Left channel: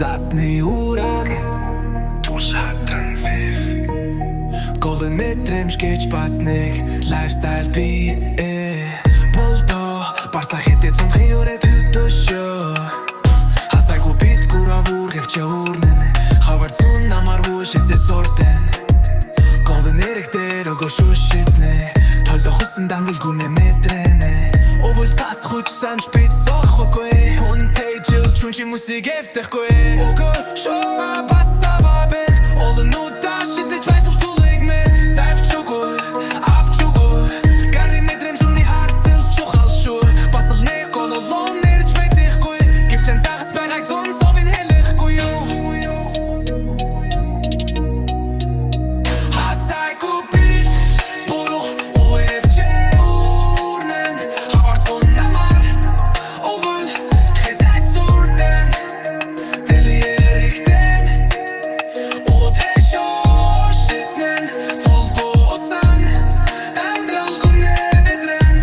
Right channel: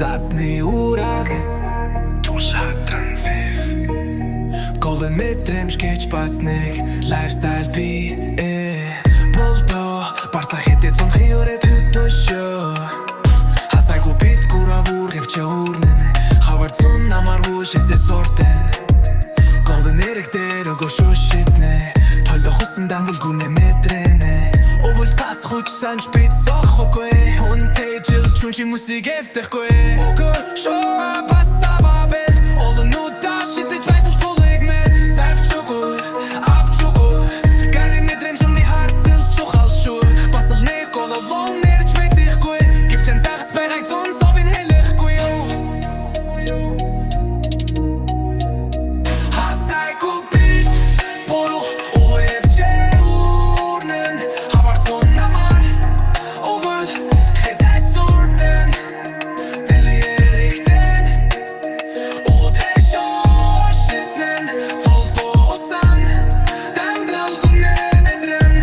Zacny urak Tuż hatran fif Golden metrem szkieć pasnik Lifestyle bi Boldo Barsa hetet von hioret hytosjo Hasaigu bit kura vurgevče urnene Havart sun namar vushese sorten Golden erekter og shushitne Tolda husendan vulgune metrene Ovul tas хуйчсан шпиц охокой Он тейджил чунчи мусик эфтеркой Окой шоа басава бет Олы нуда шитыч вайсыл тулыг мет Сайф чугуй, ап чугуй Гари метрем шумни харцил чухал шуй Басыл нэг ололон нэрч бэтэхгүй Гивчэн загас байгайг зун совин хэлэхгүй юу Hasaigu bit Boru OFJ urnen Havart zun namar Ovul Hetai surten Deli erikten Odesho shitnen Toldo usan Dandral gunne medren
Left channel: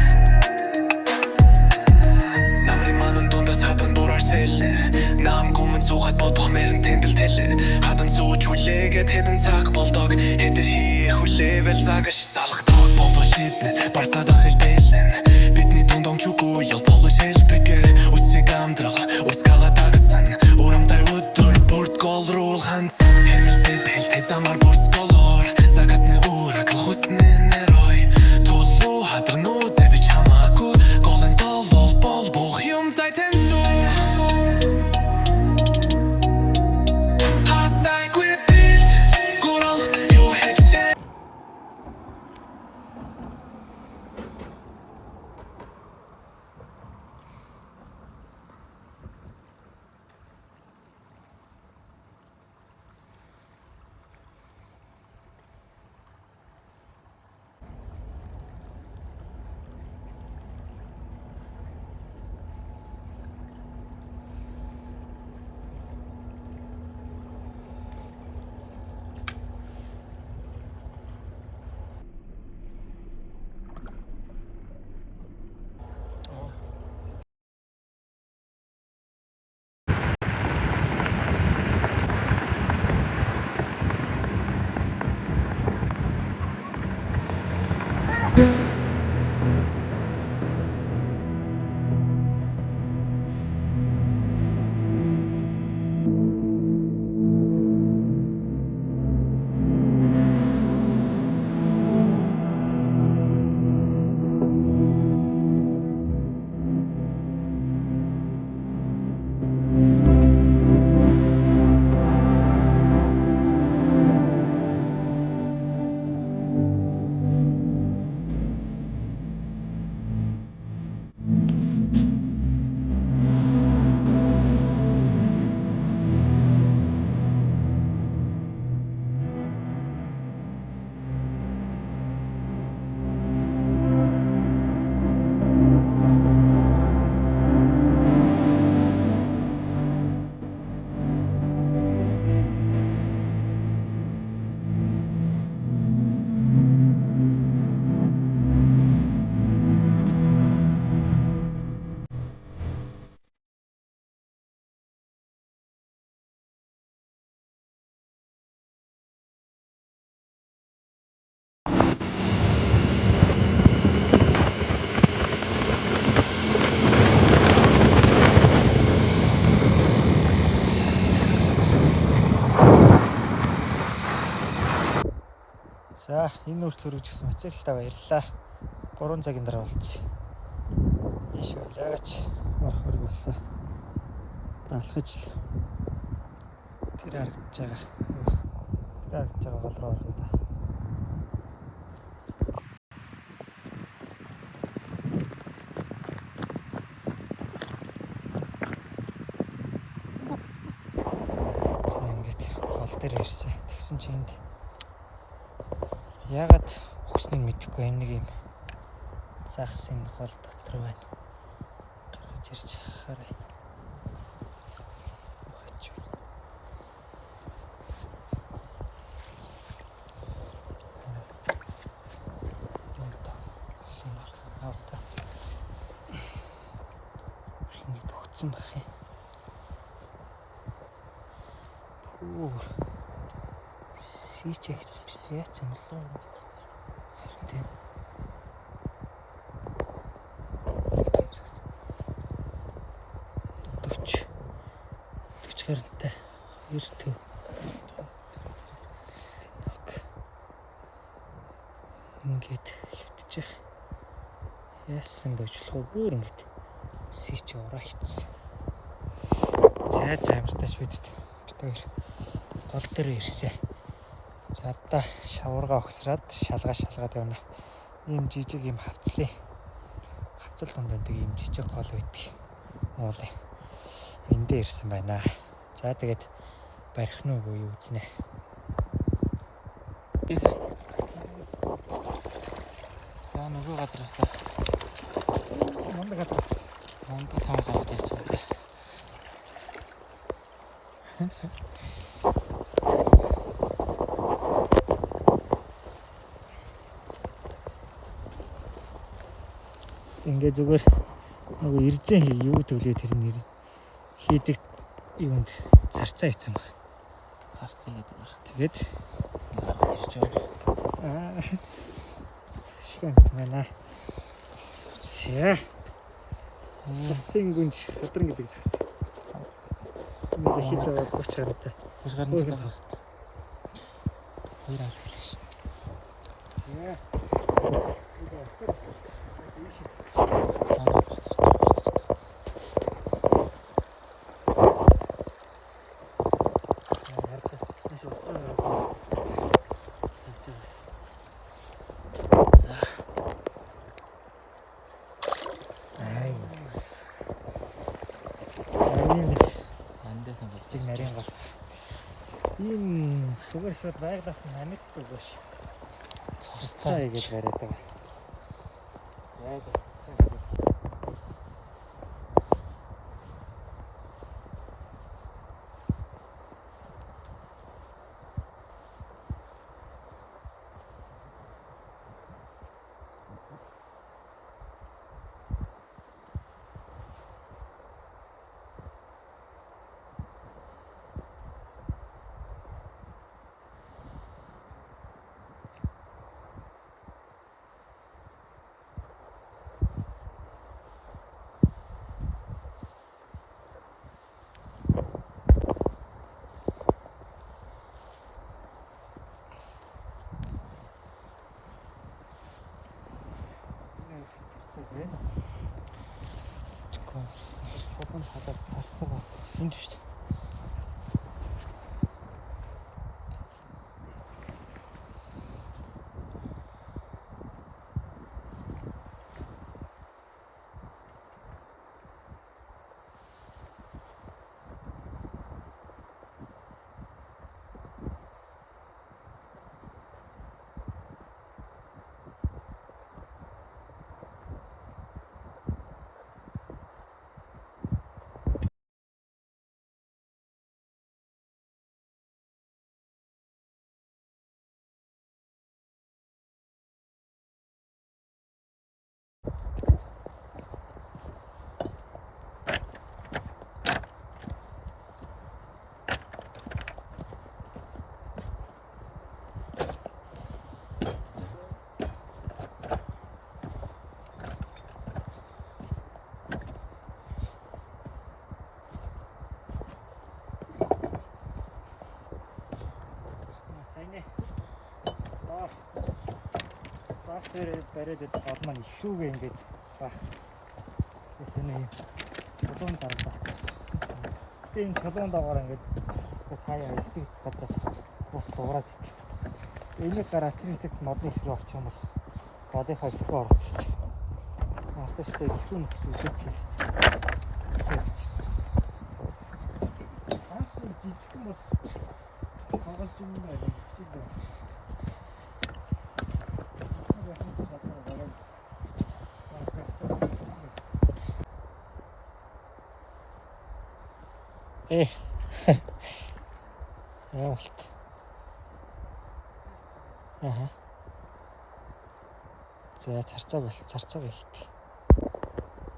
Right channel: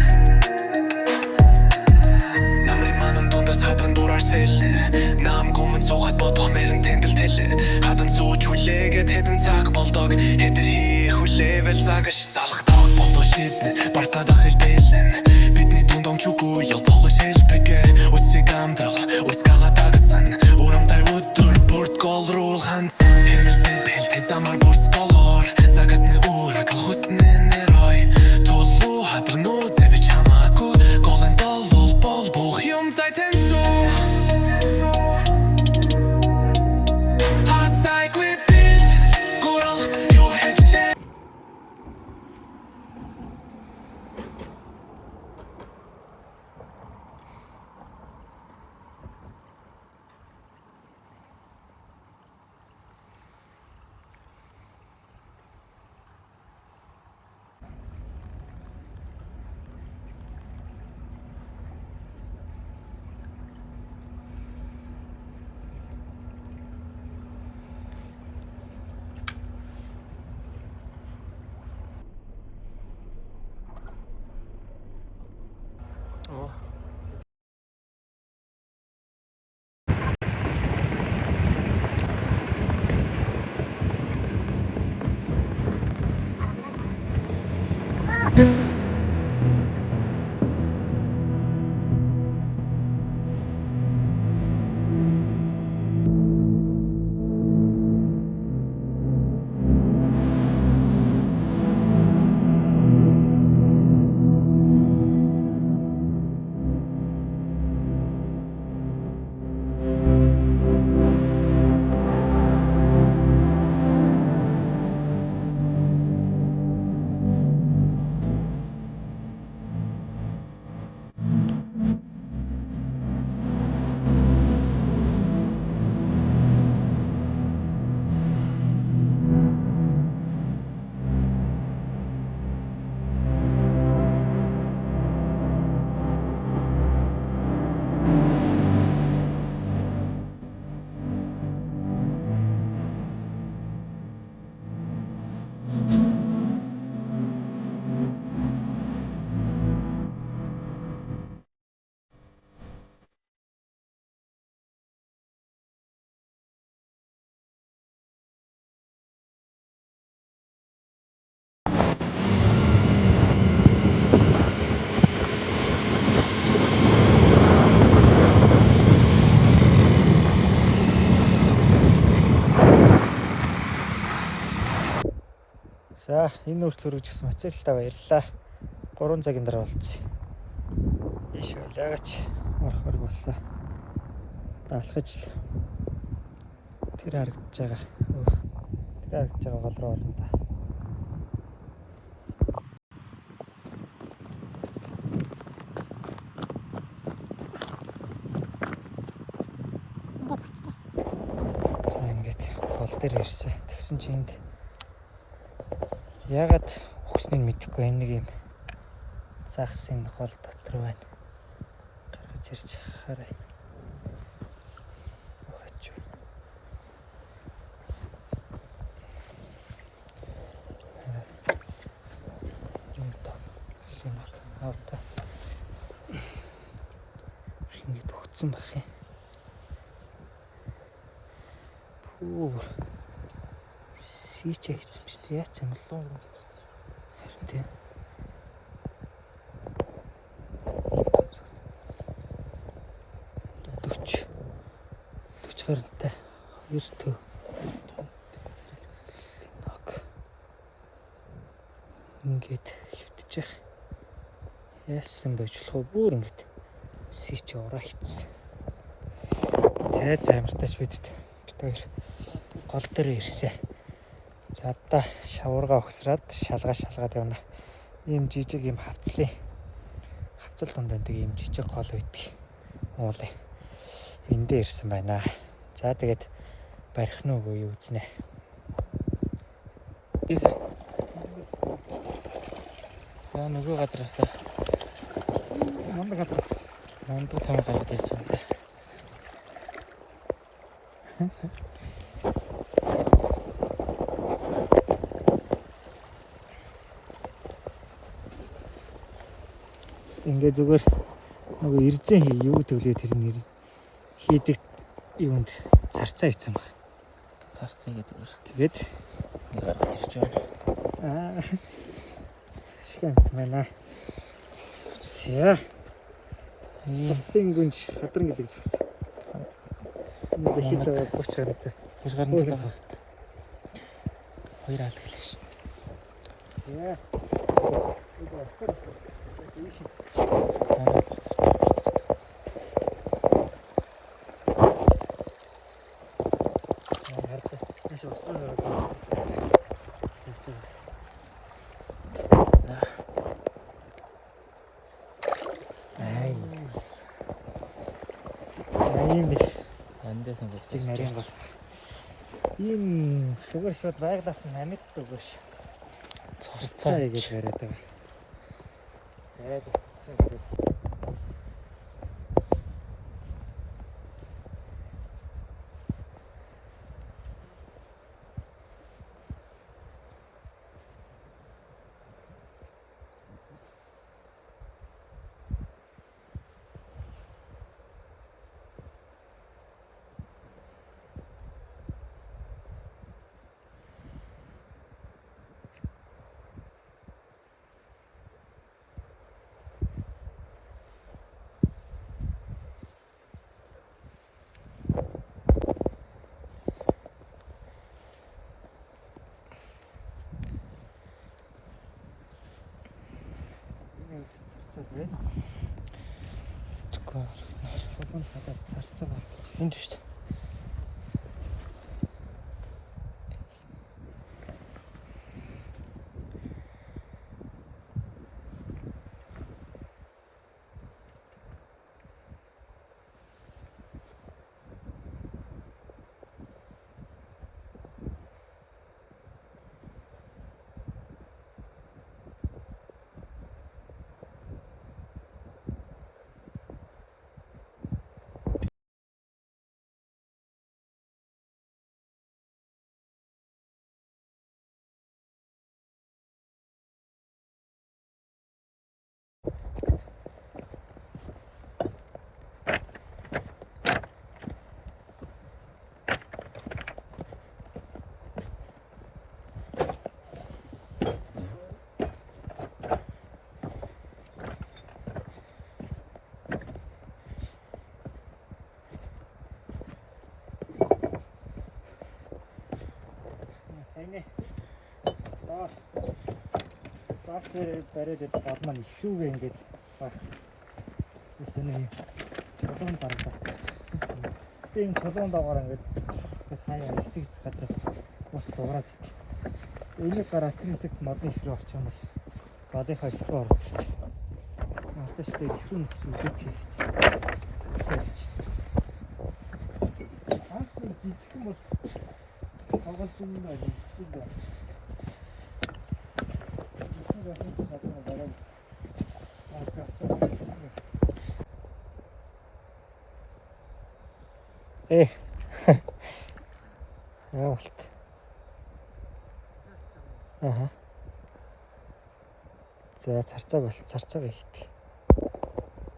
Namri manın dunda sadran durar selne Nam gumын суугаад бодох мэрэн тэндэл тэлэ Хадан сууч хүлээгээд хэдэн цаг болдог Хэдэр хий хүлээвэл загаш залхдаг болдоо шиднэ Барсадах хэлбэлэн Бидний дундон чуггүй ял толгой шэлбэгэ Үтсэг амдрал Үрскала дагасан Урамтай өдөр бүрт гол руу хандсан Хэмэлсэд бэлтэй замар бүрс голоор Загасны урак хүснэ нэрой Тулу хадрнуу зэвэж хамаагүй Голэн толол бол бүх юмтай тэнсүү Hasaigu bit Gural юу хэвчээ За энэ үртэл өргөж гисэн хацагтаа баярлалаа. 3 цагийн дараа болцсон. Биш үү яагач хөрг болсон. Алхаж л тэр харагдаж байгаа. Тэр харагдаж байгаа гол руу орно да. За ингээд гол дээр ирсэн. Тэгсэн чинь ягаад хүснэг мэдэхгүй энэ нэг юм загсын хол дотор байна. Гаргаж ирж хараа. Авта. Ini bogцсон байх юм. Өөр сийч хайцсан биш үү? Яац юм бол харин тийм. Гарантай 2 төв. Ингээд хөвтчих. Яасан божлох бүр ингээд сийч ороо хийцэн. Цайд замартаач бидэд. Одоо гол дээр ирсэн. За одоо шаварга өгсраад шалгаад явна. Ийм жижиг юм хавцлын. Хавцал донд ийм жижиг гол байдаг. Уулаа. Энд дээр ирсэн байна. За тэгээд барих нь үгүй юу үзнэ. За нөгөө гадраас мундаг тань гараад ирж байна. Ингээ зүгээр нөгөө ирзэн юу төлөө тэр нэр хийдэг юунд царцаа ийцэн баг. Царцаа гэдэг. Тэгээд ирж байна. Шигэн мэнэ. Сэ. Усын гүнж хадран гэдэг зас. Нэг хитээ болчих чанартай. Тэр гарны талаа хавт. Хоёр алглаа шүү. Яа. Андесандаг нарийн гол. Ийм шугар байглаас намитдаг биш. Царцаа гэж бариад байгаа. За. Чеква. Шопон хадаад царцаа баг. Энд шүү дээ. Сайнэ. Загсээр бариад идэх гол маань ихүүгээ ингээд баг. Тэсний колон дарга. Тийм колон дагаар ингээд хаяа хэсэг бодроо ус дуурайд идэх. Энийг гараа тэр хэсэгт модны их рүү орчих юм бол голынхаа их рүү орох гэж. Автоштэй ихүү нөхс үзэх хэрэгтэй. Анцны жижигхэн бол тоглож юм байна. Яалт. За царцааг бол царцаагаа хийх.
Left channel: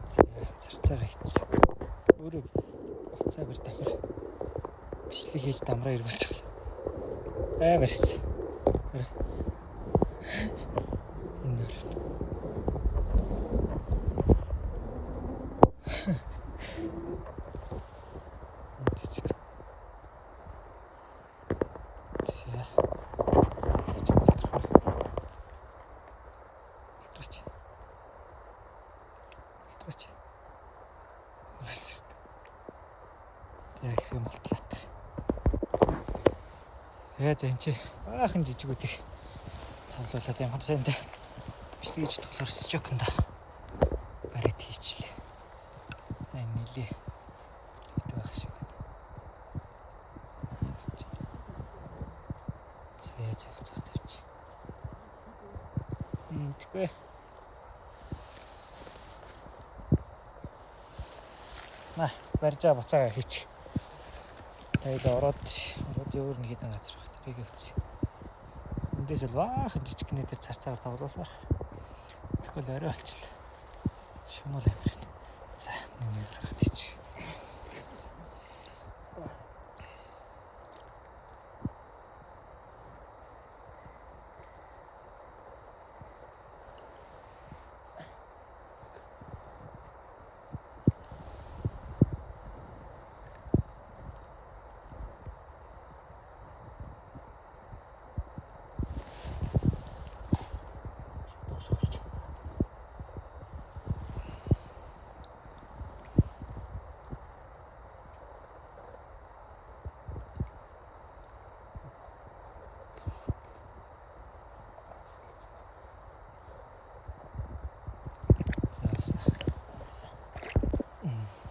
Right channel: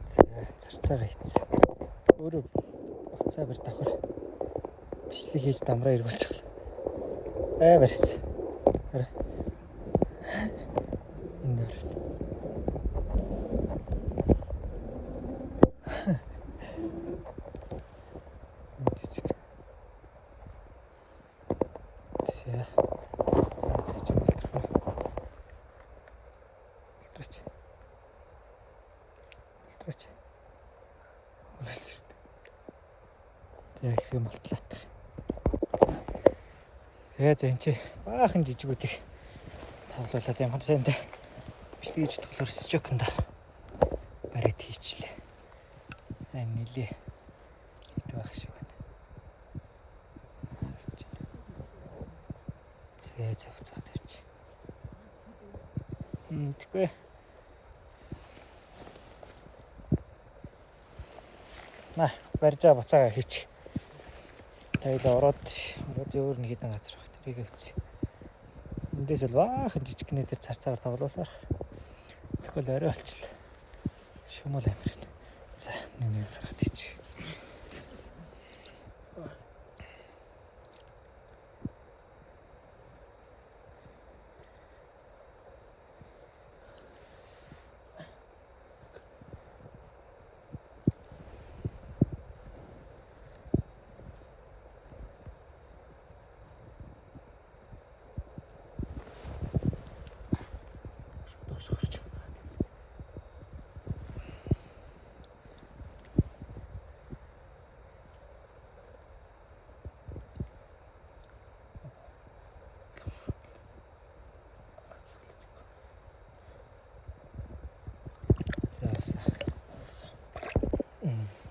За царцаагаа хийц. Өөрөө уцаа бэр давхар. Бичлэг хийж дамраа эргүүлж байгаа. Барьсан. Хараа. Энээр. Үтчих. За. Илтрч. Яг юм болтлаатах. Тэгээд энэ чи баахан жижигүүдийг тавлуулаад ямар сайндаа бичлэг хийж болохоор стокнд барид хийчлээ. Энэ нилээ. Байх шиг байна. Заа тавьчих. Тэгвэл барьжаа буцаага хийчих. Тэгэл ороод өөр нэг хэдэн газар багт бийг өгсөн. Эндээс л баахан жижигний дээр царцаагаар тоглоосоор. Тэгвэл орой болчихлоо. Шумал амир. За нэг гараад ич.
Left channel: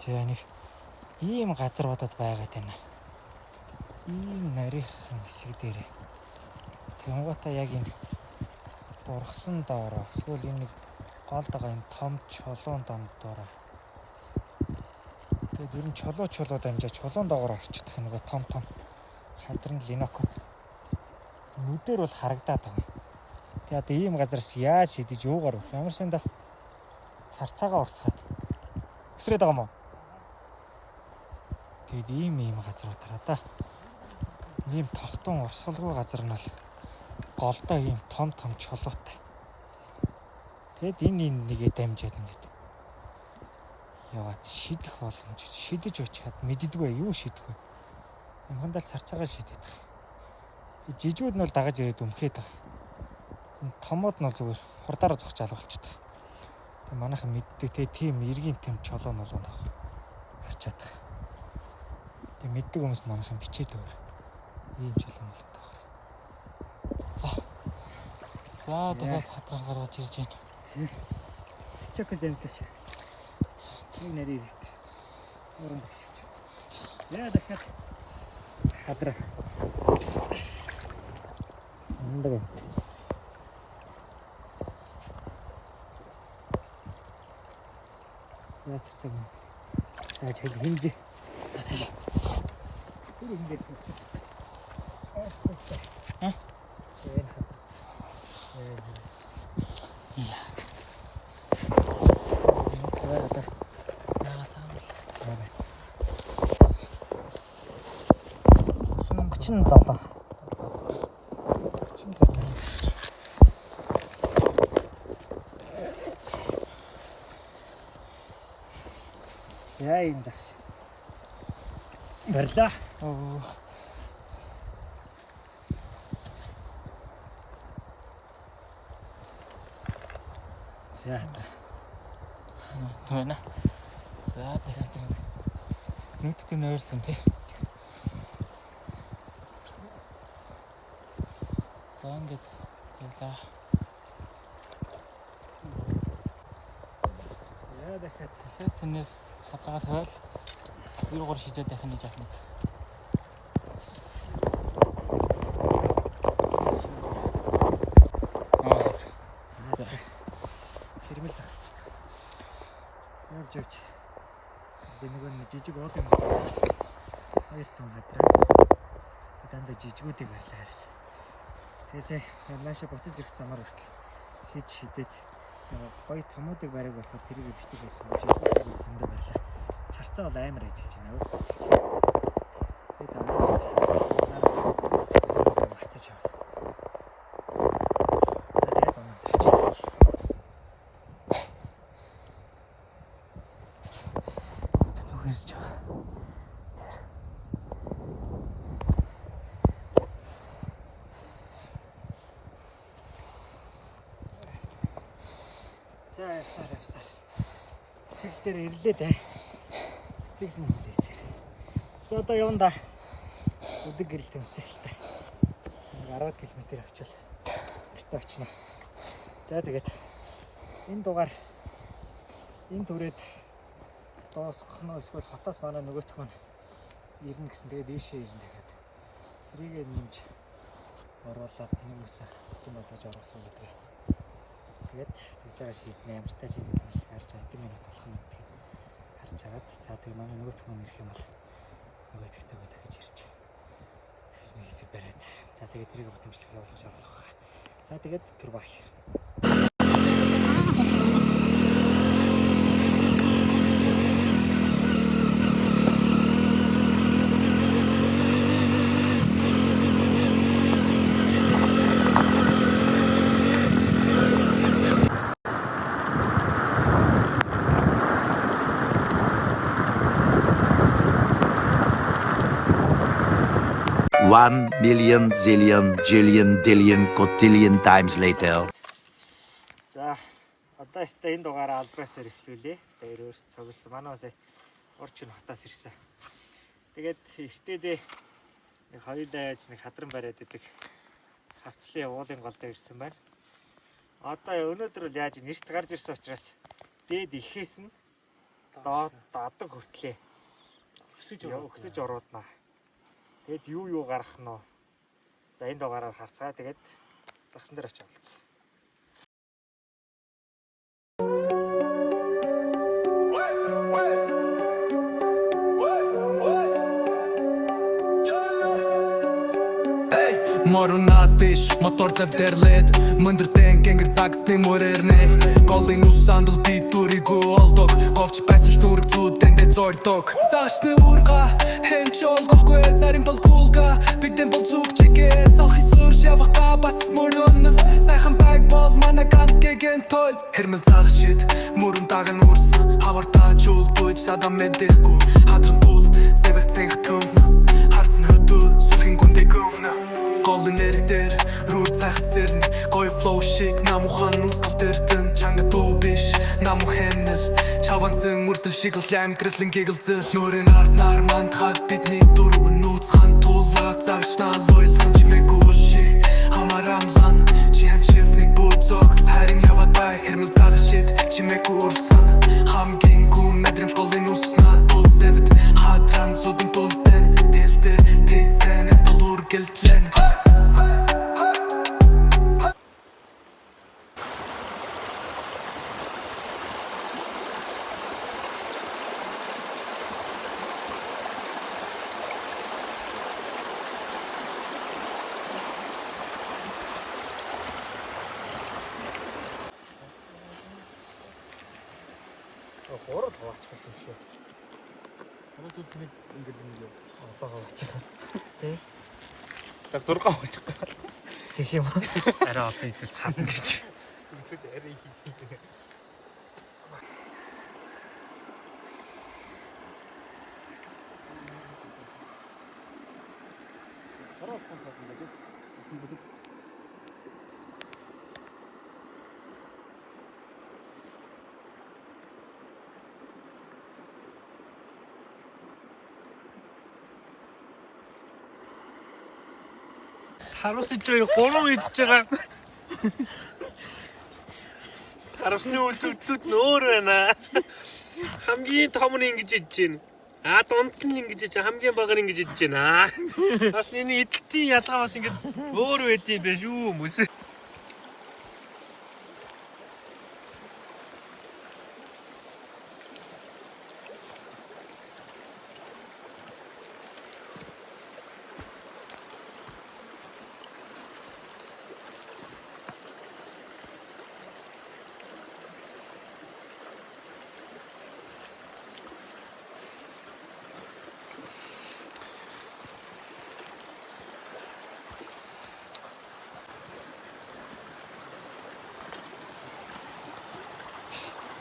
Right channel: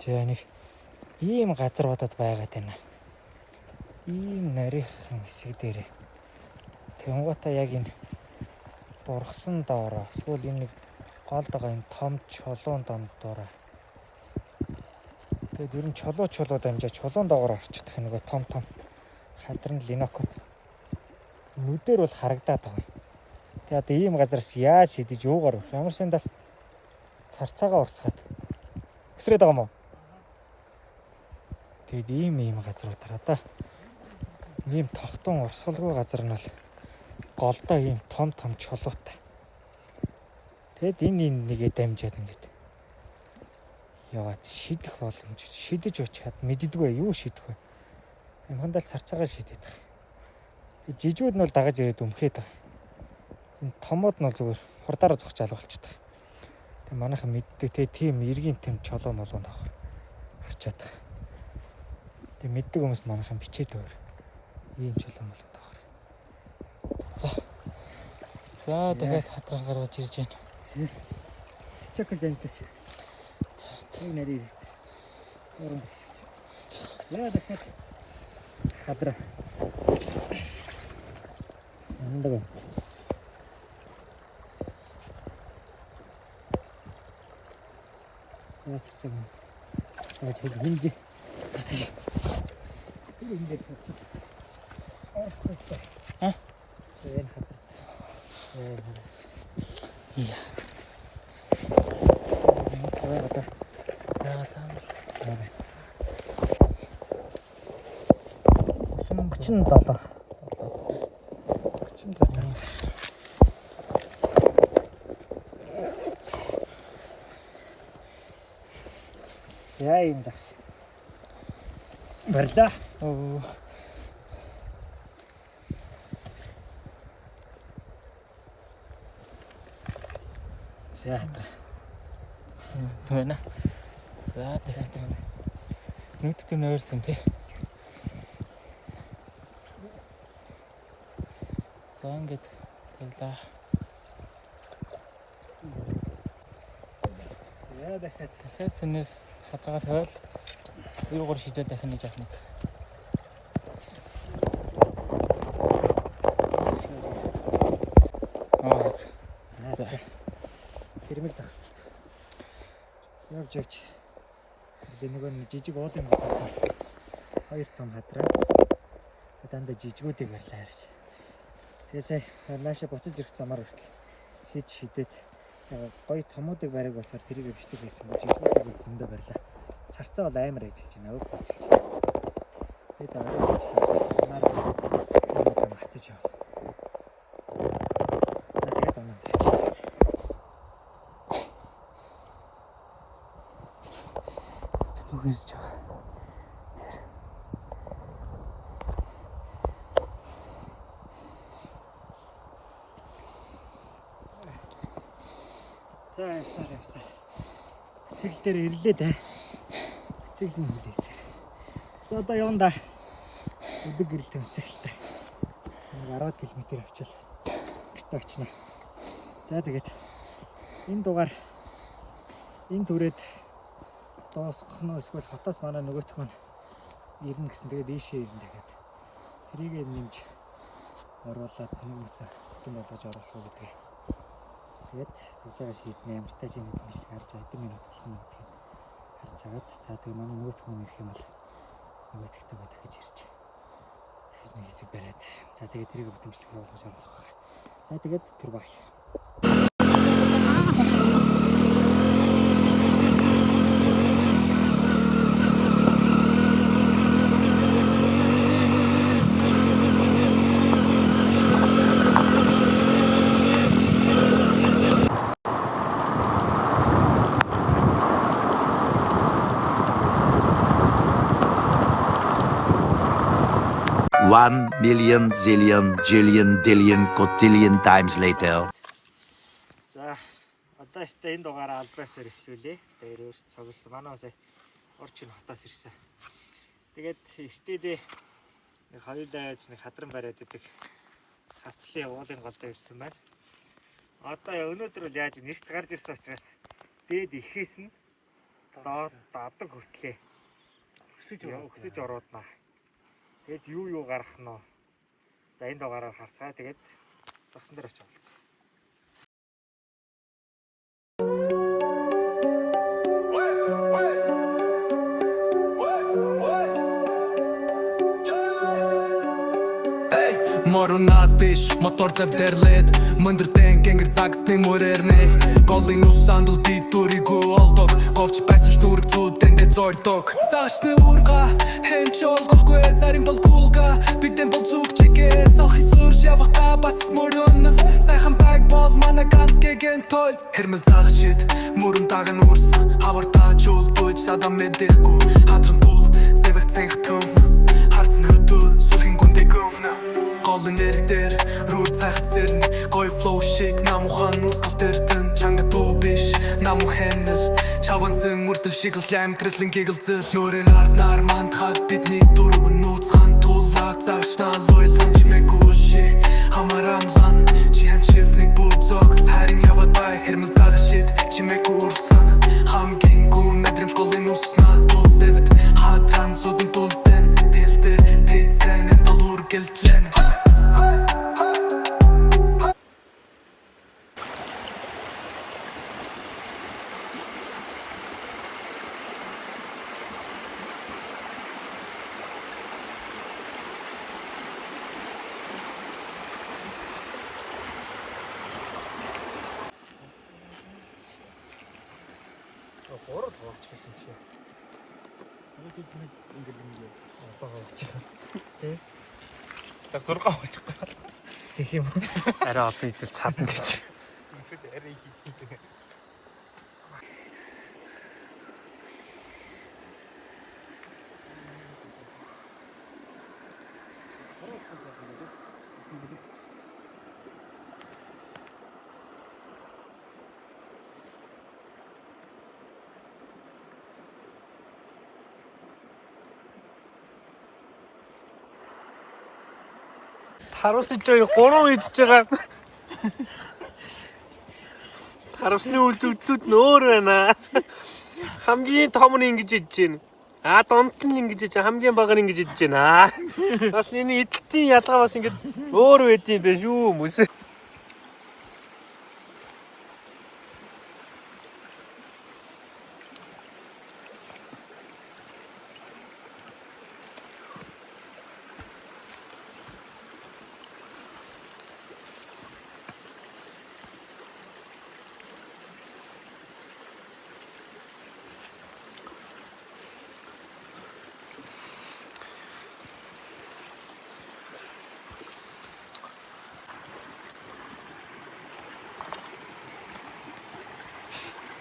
Тэгээ нэг ийм газруудад байгаад байна. Ийм нарийнхан хэсэг дээр. Тэнгуутаа яг энэ бургасан доороо эсвэл энэ гол байгаа энэ том чулуун дондороо. Тэгээд ер нь чулуу дамжаа чулуун доогоор орчихдох нэг том хадран линокот нүдээр бол харагдаад байгаа. Тэгээд ийм газараас яаж шидэж юугаар ямар сандаа царцаагаа урсгаад өсрээд байгаа юм уу? Тэгээд ийм газрууд тараа да. Ийм тогтун урсгалгүй газар нь бол голдоо ийм том чулуутай. Тэгэд энэ нэгээ дамжаад ингээд яваад шидэх боломж шидэж очиад мэддэггүй юу шидэх вэ? Амхандаа царцаагаар шидэт байгаа. Жижигүүд нь бол дагаж ирээд өмхээд байгаа. Энэ томууд нь бол зүгээр хурдаараа зогчаал болчихдог. Тэг манайхан мэддэг те тийм эргийн тэм чулуу молонд байгаа. Арчаад байгаа. Тэг мэддэг хүмүүс манайхан бичээд өөр. Ийм чулуу молонд байгаа. За тэгээд хатрах гаргаж ирж байна. Чекер жанташ. Нэг нэрээ. Орон дэш. Яа дахиад хадра. Эндээ. Яг цэг. Яг хэл хинж. Эндээ. Ха? Энд хадра. Чин долоо. Чин долоо. Яа юм загш. Барда. Оо. За та. Тэвнэ. За тэгээд нүдтэй нойрсон тий. За ингээд тэглээ. Яа дахиад хэсэнэ хатагаа тавиал юугаар шидэж дахин нэг яах нь. Аа. Хэрмэл загсаж. Явж. Тэр нэг жижиг уулын бодоос хоёр том хадраа. Дандаа жижигүүдийг барьлаа харьсан. Тэгээсээ нааша буцаж ирэх замаар хүртэл хийж шидэд гоё томуудыг барих болохоор тэрийг бичлэг хийсэн. Жижигүүдийг зөндөө барьлаа. Царцаа бол амар ажиллаж байна. Тэгээд арай нар мацаж яваа. За тэгээд оноо тавьчих. Нүгэрж байгаа. За явсаар. Цэгэл дээр ирлээ дээ. Цэгэл нь хүлээсэ. За одоо явна да. Өдөг гэрэл тавьчихлаа. 10 км авчил. Гэртээ очно. За тэгээд энэ дугаар энэ түрээд доосгох нь эсвэл хотоос манай нөгөөх маань ирнэ гэсэн. Тэгээд ийшээ ирнэ тэгээд тэрийг нэмж оруулаад хүмүүсээ бүтэн болгож оруулах гэдэг. Тэгээд тэгж байгаа шийднэ. Ямартай ч юм хэлмэжлэг харж байгаа. Хэдэн минут болох нь гэдгийг харж агаад за тэгээд манай нөгөөх маань ирэх юм бол нөгөөдөгтэйгээ дахиж ирж дахиж нэг хэсэг бариад за тэгээд тэрийг бүтэмжлэх явуулах шаардлагатай. За тэгээд тэр баг. One million, zillion, jillion, dillion, cotillion times later. За одоо ястаа энэ дугаараа албаасаар эхлүүлээ. Тэгээд өөрч цугласан. Манай бас орчин хотоос ирсэн. Тэгээд эртээдээ нэг хоёулаа яаж нэг хадран бариад идэг хавцлын уулын гол дээр ирсэн байна. Одоо өнөөдөр бол яаж нэрт гарч ирсэн учраас дээд ихээс нь доод адаг хүртлээ өксөж орууднаа. Тэгэд юу гарах нь вэ? За энэ дугаараар харцгаа. Тэгээд загсан дээр очиж авалцсан. Морунат биш, мотор завдэрлээд мөндөртэн гэнгэр загсны мөрэрнэ голын усандл би дүригүү олдог говч байсан ч дүрэг зүйдэндээ зойдог саашны урга хэмч олгохгүй зарим бол кулга бидэн бол зүг чигээ салхи сүрш явахта бас мөрөн сайхан баг бол манай ганц гэгэн тол хэрмэл цаг шид мөрөн даган үрс хавартаа чул дүйж садам мэдэхгүй хадран тул зэвэг цэнх төв харцэн хөдөө сүлхэн гүндэ гөвнө голын нэрдэр рүү цахт сэрн гой флоу шиг намухан нүсгэл дэртэн чанга дүү биш наму хэнэл чаванцэн мөрсөл шиг л амтрэлэн гэгэлзэл нүрэн ард нар мандхад бидний дөрвөн нууцхан тулаг загшнаа лойлхан чимээгүй шиг хамаарамлан чихэн чивник бузокс харин яваад бай хэрмэл цаад шид чимээгүй урсан хамгийн гүн мэдрэмж голын уснаа дул сэвэт хатран зүдэн тултэн дэлдэр тэцэн толур гэлтлэн Город болчихсон юм шиг. Город тут нэг ингэдэг юм олоогоо очихаа. Тэ? Так зургаа болчих. Тэг юм уу? Арай одоо идэл цадна гэж. Эсвэл арай их хийх. Харуулсан ч 3 идж байгаа. Харуулсны үйлдэлүүд нь өөр байна. Хамгийн том нь ингэж идэж байна. Донд нь ингэж идэж, хамгийн бага нь ингэж идэж байна. Бас энэ идэлтийн ялгаа бас ингэ өөр байдсан байх шүү хүмүүс.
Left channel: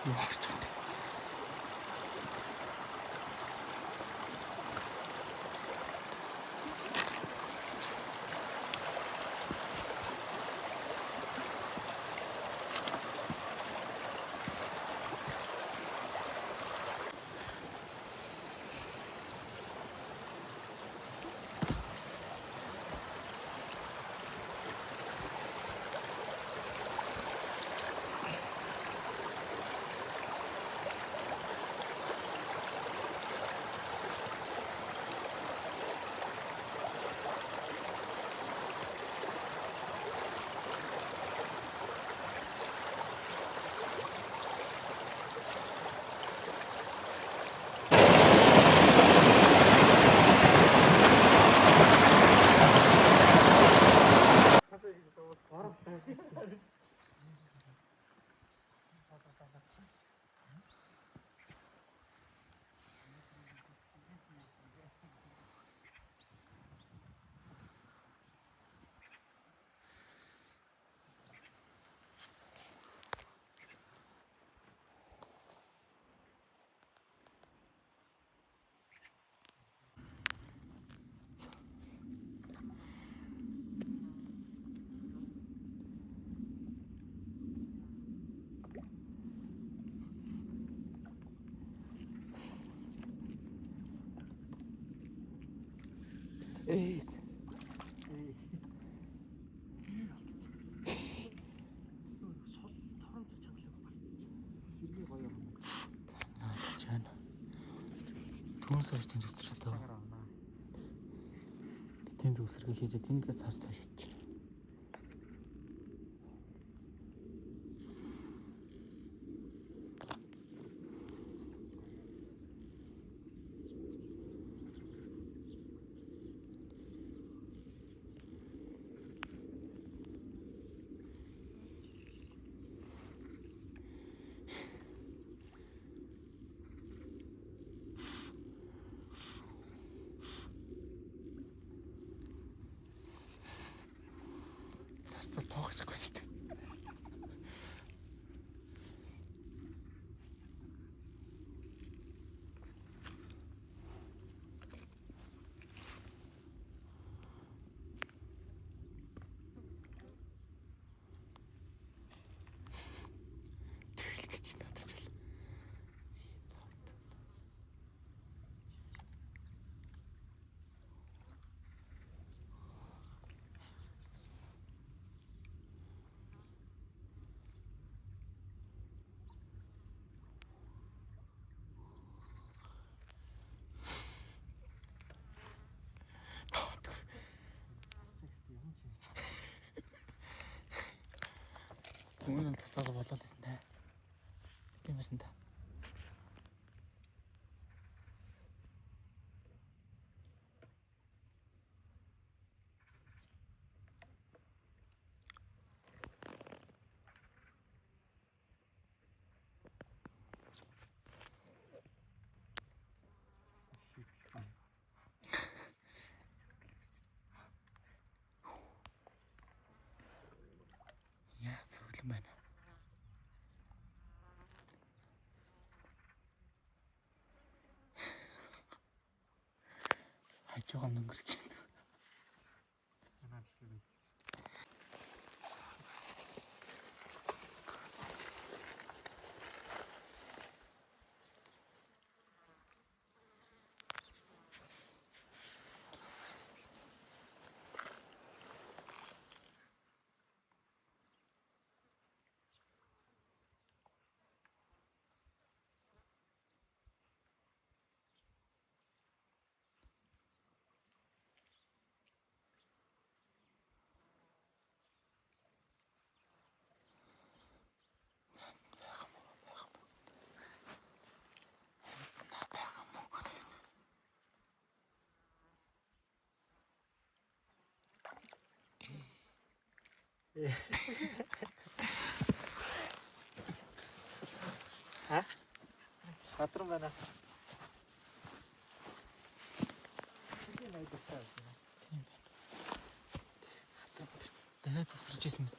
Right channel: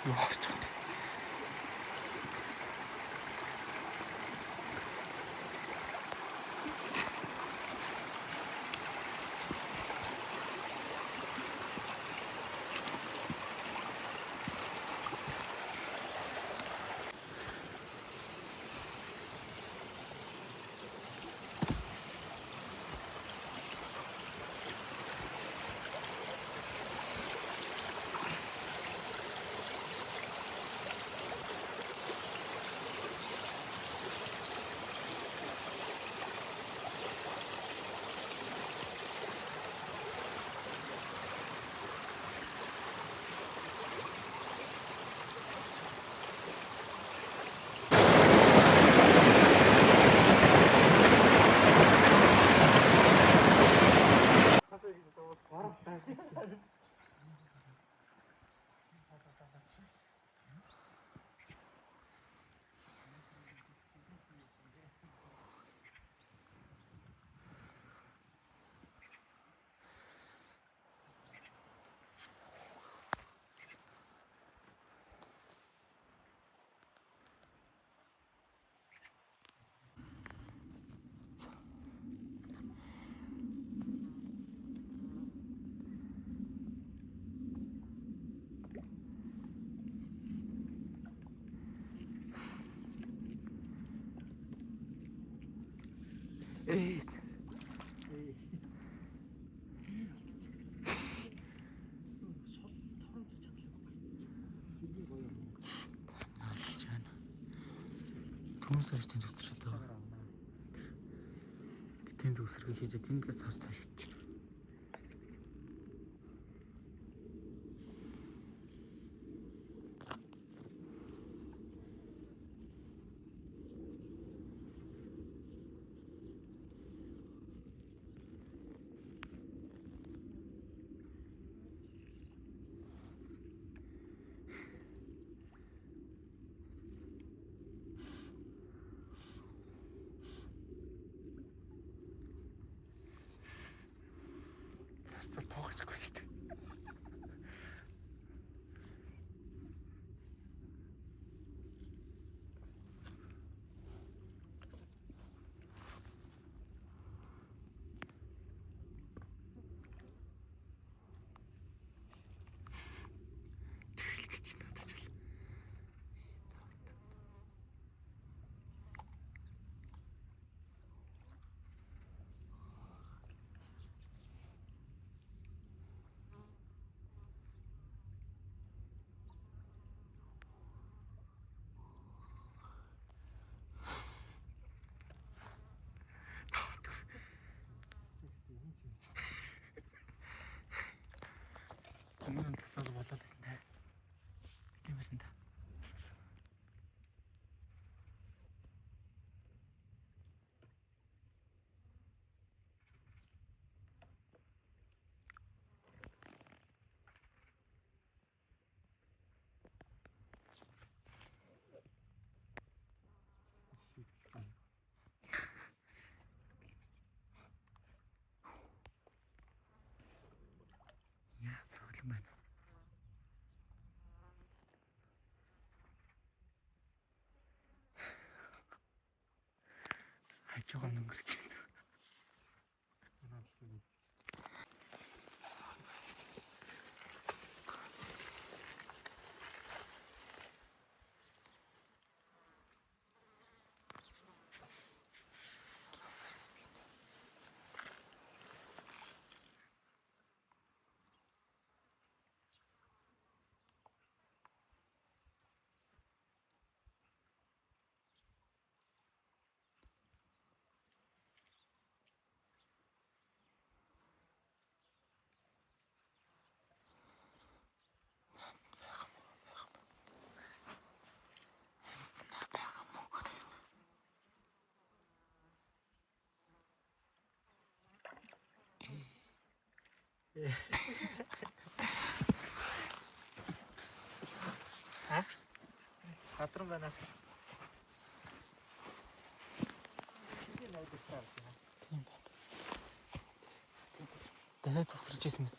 Яах вэ? Түн сарчсан төсрөөд байгаа. Тэнд үсрэг хийж тэндгээс сар цааш хичнэ. Өмнө нь тасаага болоолсэн та. Тийм байсан та. Яа, зөвлөн байна. Хажуугаар өнгөрч байна. Хэ? Патрон байна. Тийм байна. Дахиад тусарч ирсэн мэт.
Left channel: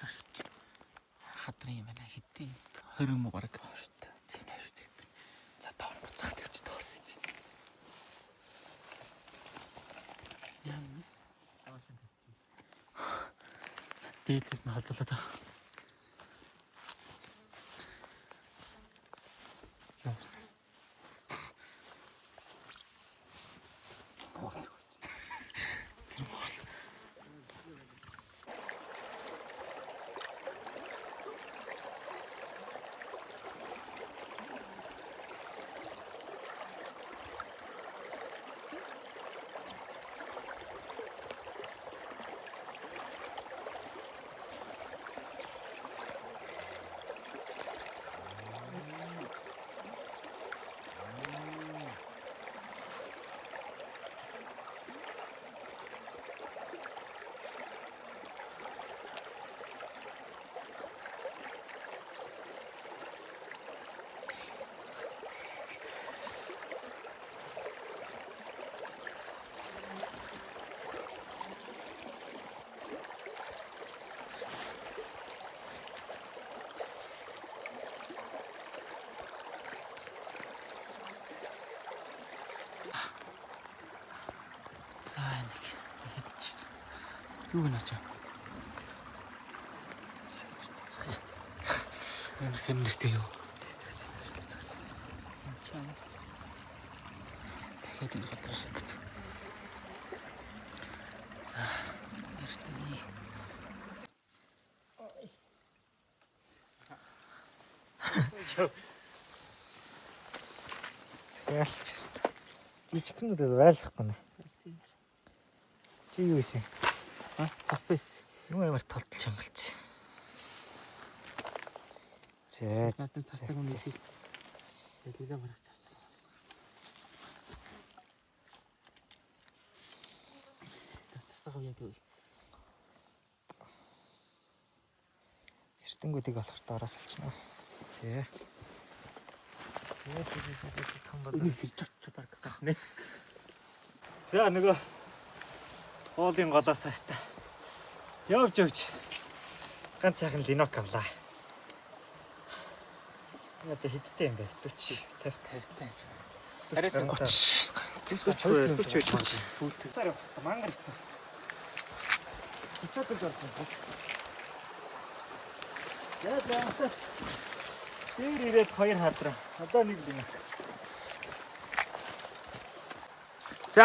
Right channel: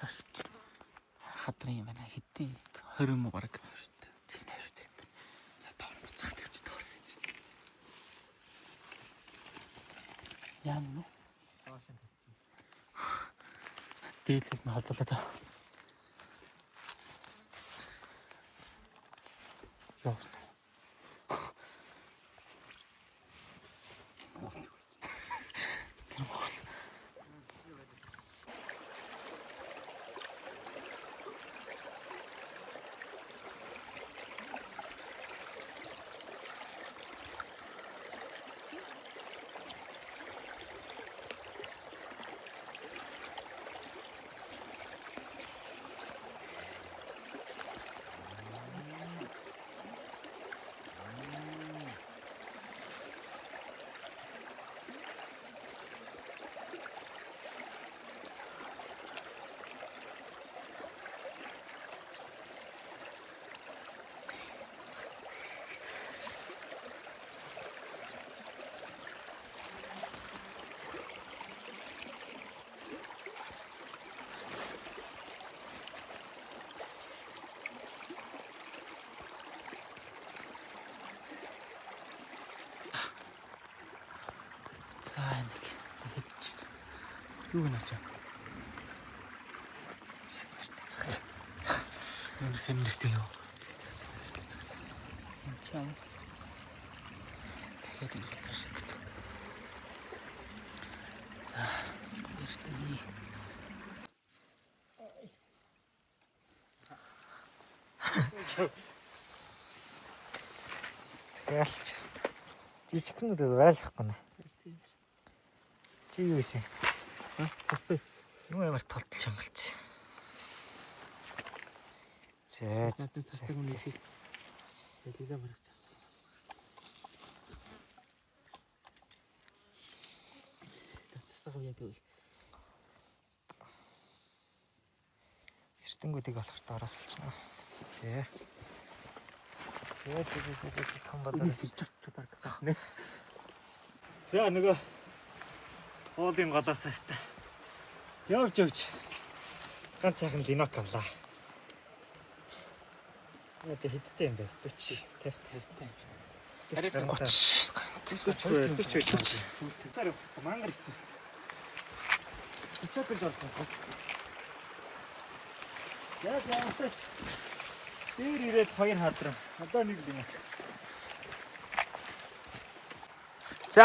Тасааш. Хадрын юм байна. Хэдий 20 муу бараг. За тоор буцаад явж тоор. Яа нү? Дээдээс нь холлоо таа. Яа. Юу гэнэ чам? Юу сэмнэстэй юу? Чам. дахиад энэ газар шиг гэж. За, эртний. Тэгэл. Жижигхэн үдэ байлгахгүй нэ. Чи юу ийсэн? Тасс. Юу ямар толтолч юм болчих. Зээ. Тасдаг юм шиг. Тэгэлээ барах тасдаг. Тасдаг уу яг юу? Сэртэнгүүдийг болохоор доороос олчихно. Зээ. Тэгээд том болоо. Бараг тахна. За нөгөө уулын голоос хаста. Явж. Ганц сайхан линок авлаа. Яа хэдтэй юм бэ? 40, 50 юм. 40. Царай баста мангар хэцүү. Хэцүү болсон. Яг яамтай. Тэр ирээд хоёр хадраа. Одоо нэг юм. За.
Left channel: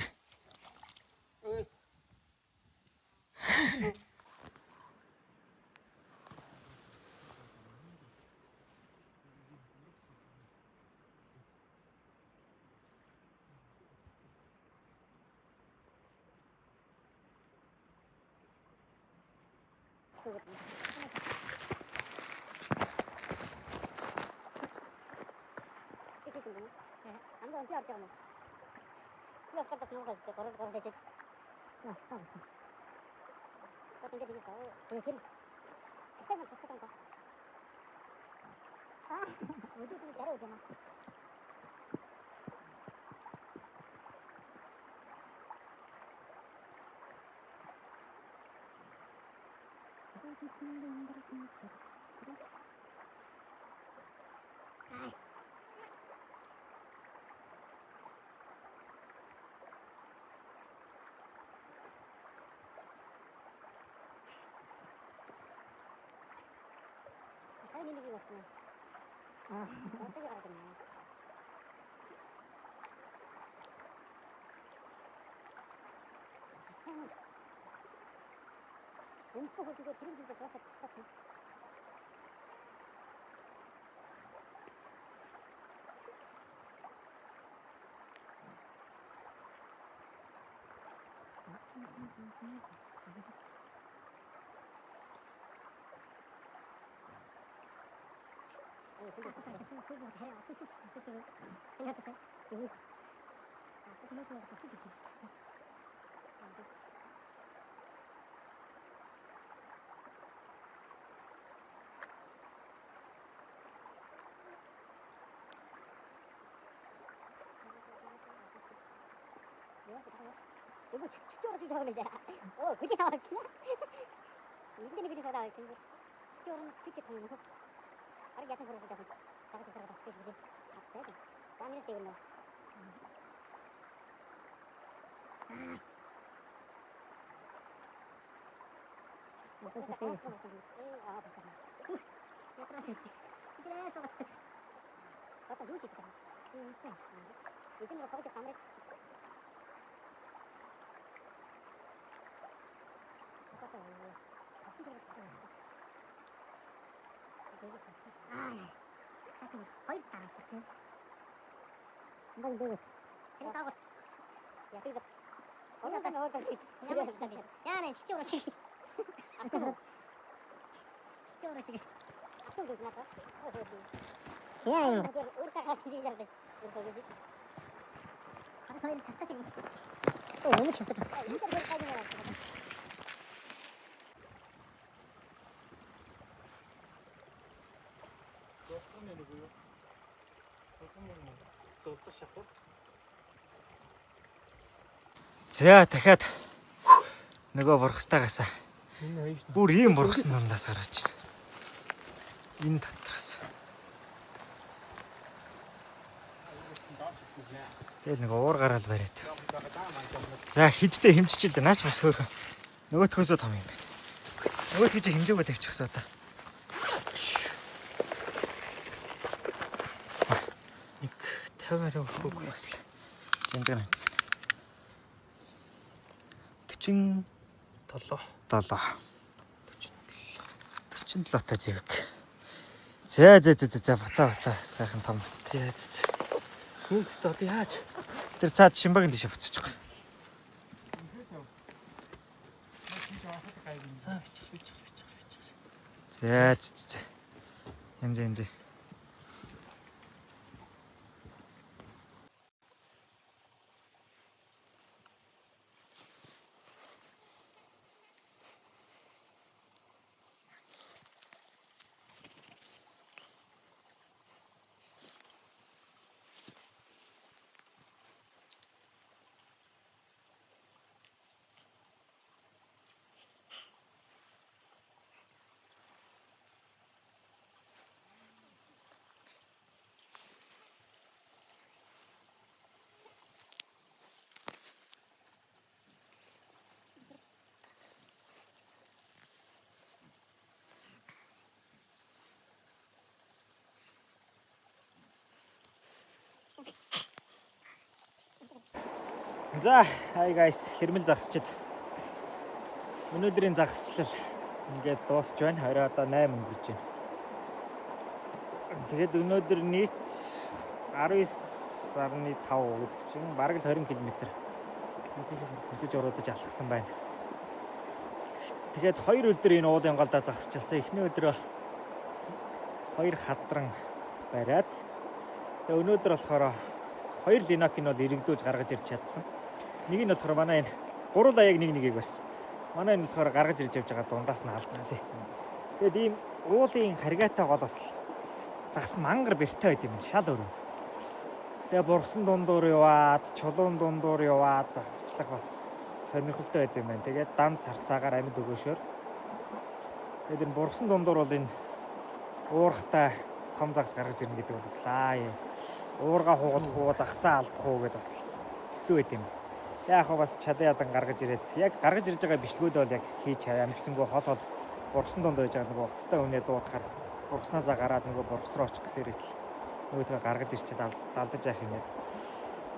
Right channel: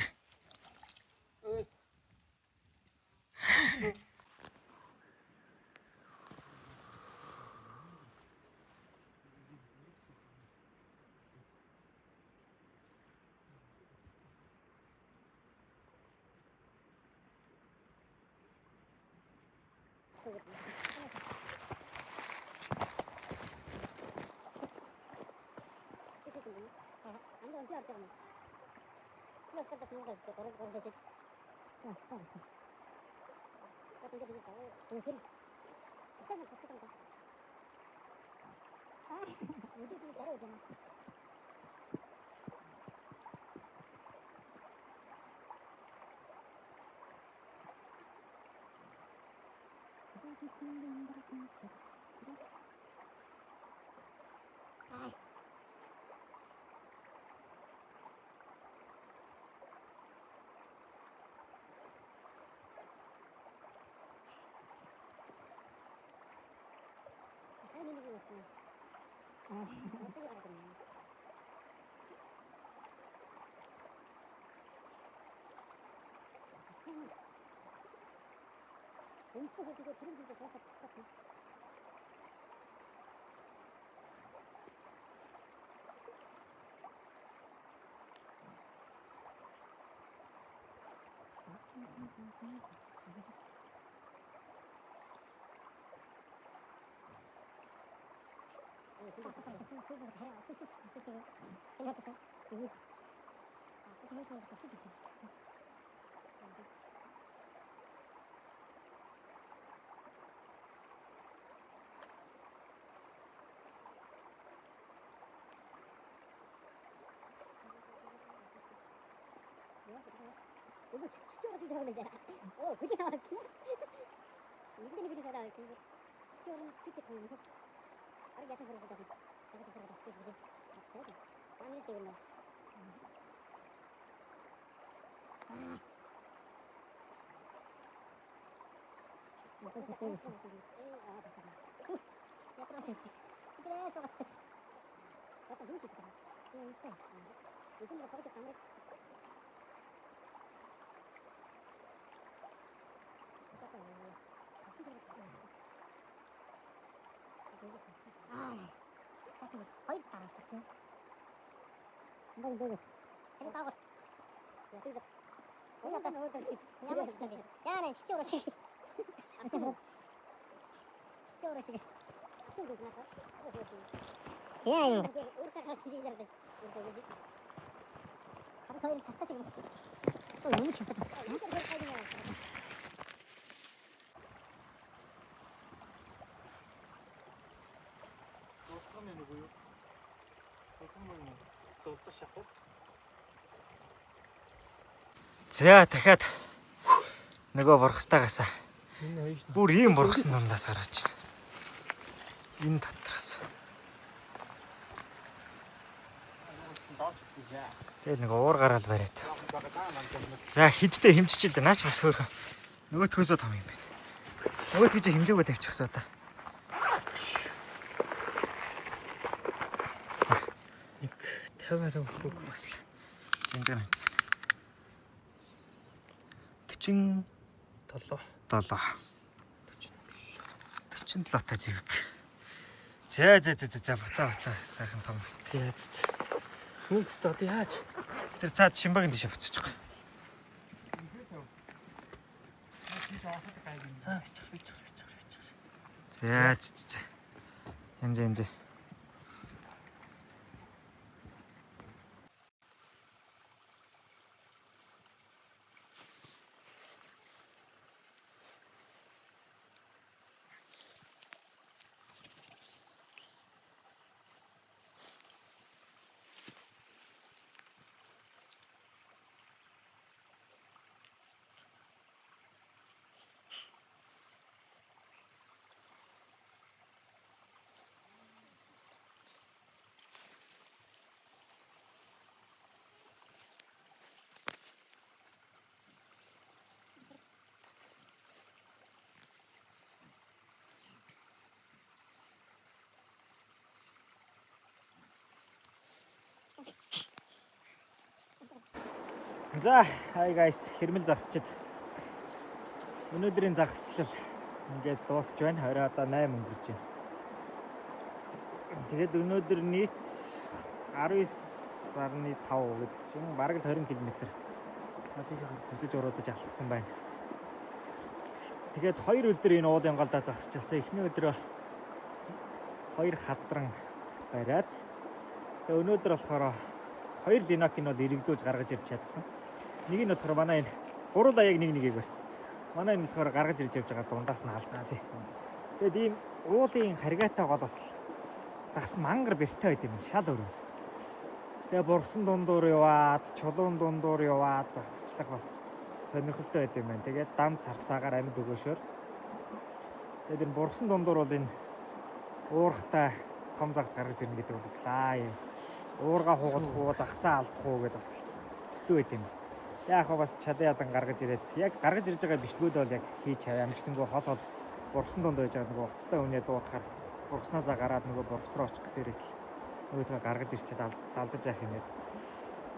어떻게 가야 되나? 움푹 그거 드림들도 벌써 똑같은. 그거 해야 쑥쑥 쑥쑥 생각했어요. 이거 그거 좀 쑥쑥 있어. 이거 축적으로 시작을 이제 그게 나왔지. 이게 나와 친구. орно чичиг том юм. Арга ятан хөрөж байгаа. Тагаж ирэх гэж байна. Аттай. Замын дээр нэ. Ятраа тест. Итрээ тоо. Ата юу чиг таа. Эдгээр нь цогт камерыг хоёр дараа шээ. Бай. Энэ таагүй. Я тийм. Ороо нөө шиг. Ямар ч юм. Яа чи ороо шиг. Чи ороо шиг. Атуу гэж наа. Яа юм. Өөртөө хаач хийж байгаа. Харин хоёр татах шиг. Оо юм чи татах. За дахиад нөгөө бургастаагаас Энэ хоёр нь бүр ийм бургасан дундаас гараач. Энэ татгаас. Тэгээ нөгөө уур гараал бариад. За хидтэй хэмжиж л дээ. Наач бас хөөрхөн. Нөгөөтгөөсөө том юм байна. Нөгөөтгөө чи хэмжээгөө тавьчихсаа та. Нэг 50 өгөх бас л. Энд гэнэ. 47 та зэвэг. За буцаа сайхан том. зээ. Хүүхдээ одоо яаж? Тэр цаад шимбагийн дэше буцаач байгаа. За. Энзэ. За, hi guys, хэрмэл загсчид. Өнөөдрийн загсчлал ингээд дуусч байна. Орой одоо 8 өнгөрч байна. Тэгээд өнөөдөр нийт 19.5 гэдэг чинь бараг 20 км. Хөсөж уруудаж алхсан байна. Тэгээд 2 өдөр энэ уулын голдоо загсчихсан. Эхний өдрөө 2 хадран бариад. Тэгээд өнөөдөр болохоор 2 линокийг бол иргэдүүлж гаргаж ирч чадсан. Нэг нь болохоор манай энэ гурван яг нэг нэгийг барьсан. Манай энэ болохоор гаргаж ирж явж байгаа дундаас нь алдсан. Тэгээд ийм уулын харгаатай гол бас загас мангар бэртэй байд юм шал өөр. Тэгээ бургасан дундуур яваад, чулуун дундуур яваад загасчлах бас сонирхолтой байд юм байна. Тэгээд дан царцаагаар амьд өгөөшөөр. Тэгээд энэ бургасан дундуур бол энэ уурхтай том загас гаргаж ирнэ гэдэг бол бас лаа юм. Уурга хугалах уу, загсаа алдах уу гэдээ бас хэцүү байд юм. Яг бас чадаа ядан гаргаж ирээд яг гаргаж ирж байгаа бичлгүүд бол яг хийж амжсангүй хол бургасан дунд байж байгаа нөгөө уцтай үнэ дуудахаар бургаснасаа гараад нөгөө бургасроо очих гэсээр итл нөгөөдөө гаргаж ирчихэд алдаж яах юм бэ.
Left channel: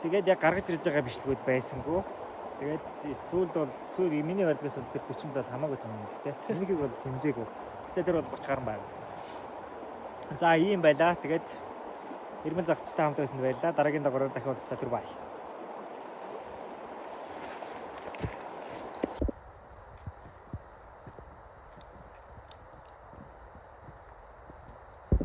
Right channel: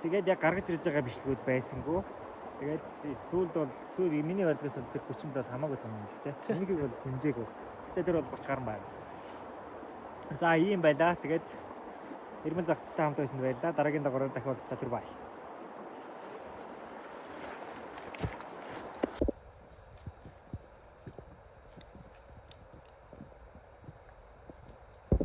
Тэгээд яг гаргаж ирж байгаа бичлгүүд байсангүй. Тэгээд сүүл миний бодлоос тэр 40 дол хамаагүй том юм тий. Энийг бол хэмжээгүй. Тэгээд тэр бол 30 гаруй байна. За ийм байлаа. Тэгээд хэрмэн загсчтай хамт байсан байлаа. Дараагийн дагавраар дахиад уулзлаа. Тэр бай.